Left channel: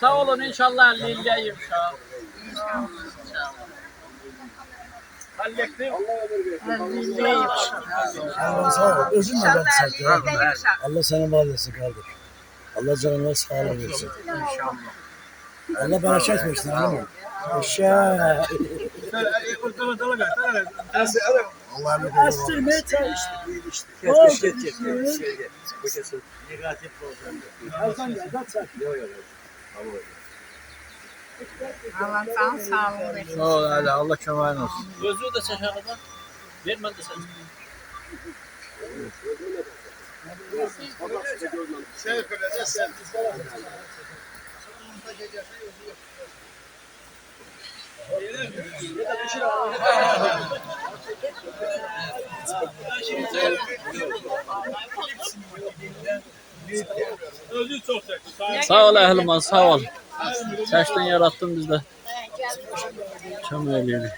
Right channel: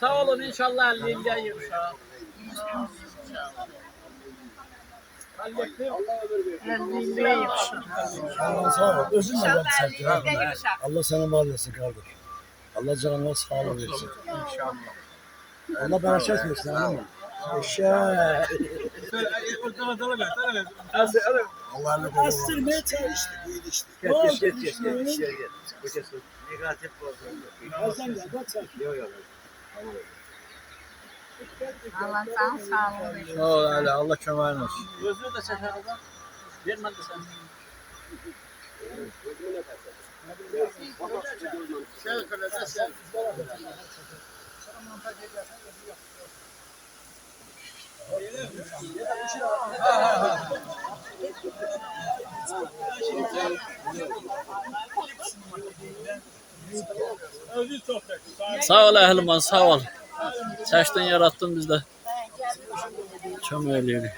Sağ olun inşallah lilleyim şu an. Hallettim. Sağ ol. Özün mü İnşallah var elleriyle yumuşak. Allah sana var etsin kardeş. Allah canına sağlık versin. İnşallah. Allah bereket versin hanım mı? Eşeğ. Allah ne olur. Astırmaya çalış. Ne oldu? Hasan gel bak sen. Allah'tan sağlığı versin. Sağ ol hadi Allah kemal olsun. Gözlüğü de çek arada. Ver ben de sen. Sen kıracak sen. Sağ ol ehliman sağ ol. Seçtin yarattın bizde. Çömeleğini.